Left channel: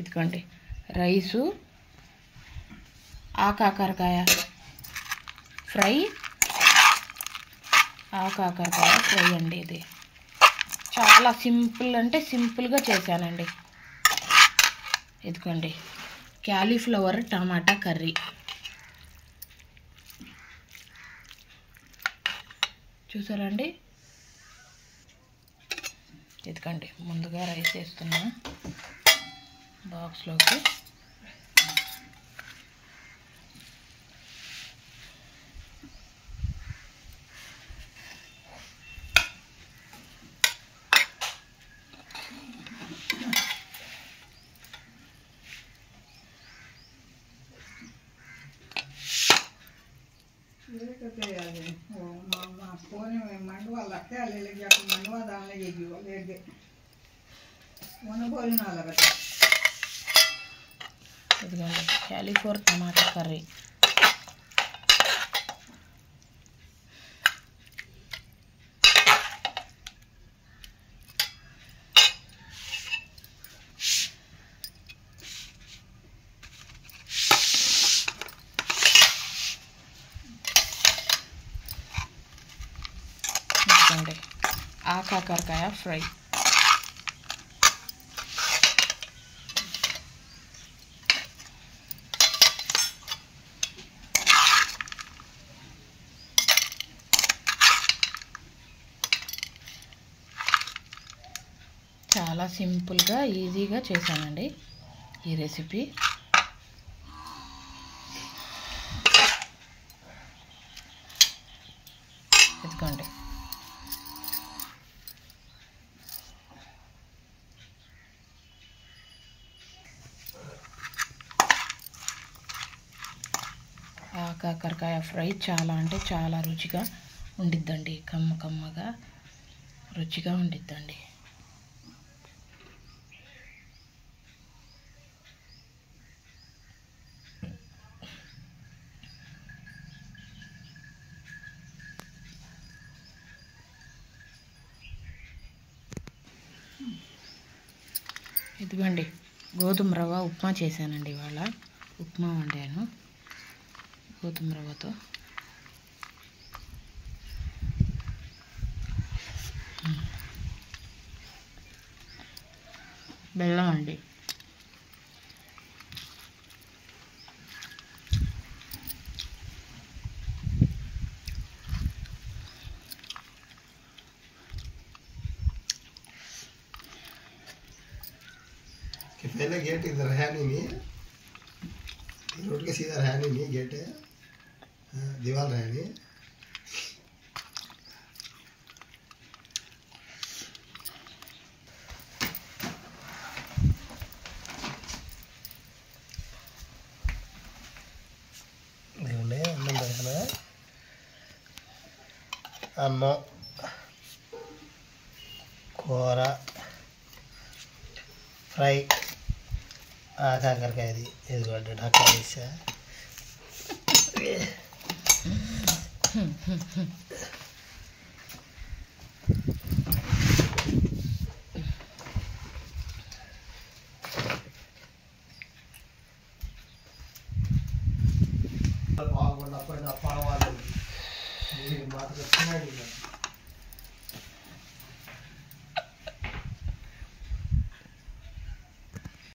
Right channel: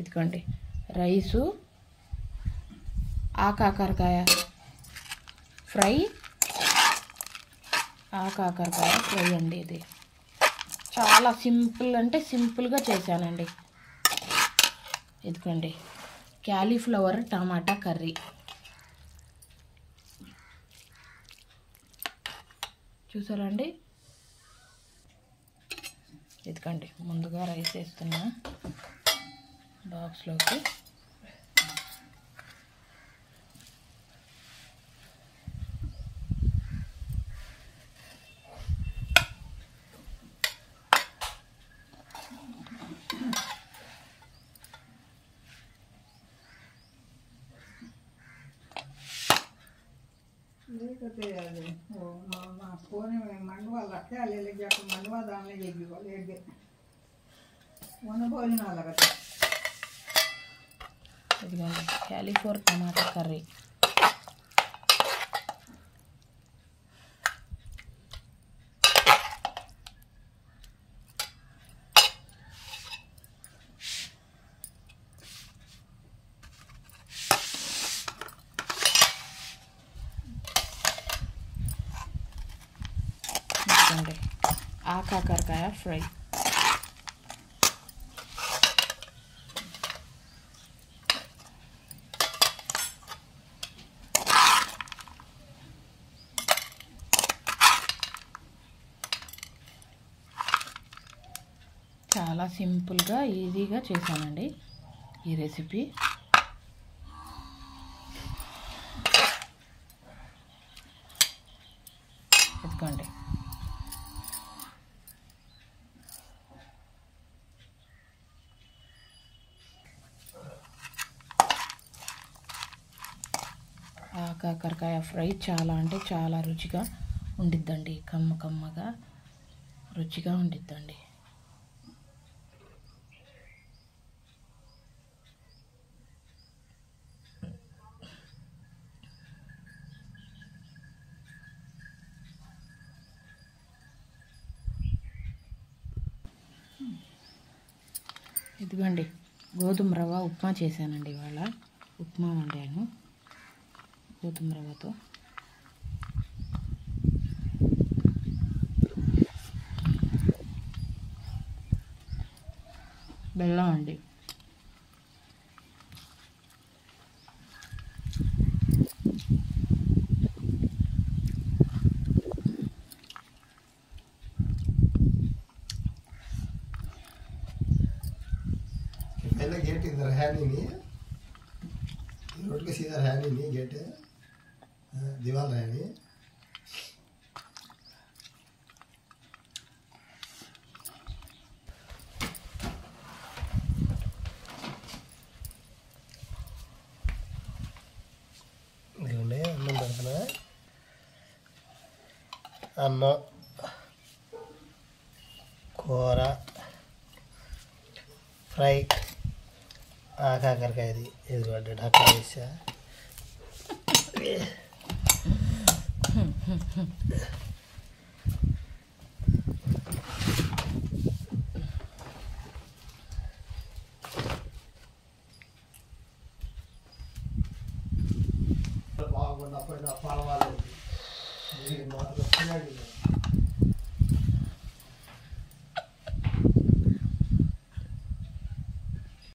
ఇదిగోండి రైసు, కాకరకాయ ఫ్రై, కాకరకాయ ఫ్రై అండి. ఇది చాలా సింపుల్ అంటే సింపుల్గా చేశానండి. ఇదిగోండి క్యాలీఫ్లవర్ టమాటా కర్రీ. చూసారా అండి? ఇదిగోండి ముందుగా రైస్ వేస్తున్నా బాక్స్లోకి. ఇదిగోండి క్యాలీఫ్లవర్ టమాటా కర్రీ. ఇదిగోండి కాకరకాయ ఫ్రై. చాలా సింపుల్గా ఈజీగా చేశానండి ఈ రెసిపీ. ఇదిగోండి కాకరకాయ ఫ్రై చాలా అంటే చాలా రుచిగా ఉండిద్దండి. కమ్మగా రుచిగా ఉండిద్దండి. ఇదిగోండి గోధుమ రవ్వ ఉప్మా చేశానండి. ఇవాళ ఉప్మా వండాను గోధుమ రవ్వతో. బెల్లం అండి. पहले गेट इधर है नहीं, रोड के सीधा है नहीं गेट है, दीवार है नहीं. అన్నం పెడతాను. అన్నం కూర ఫ్రై కాకరకాయది. ఇదిగోండి ఢక్కా వేసా. బాగుండా పైన పడవాలి మాత్రం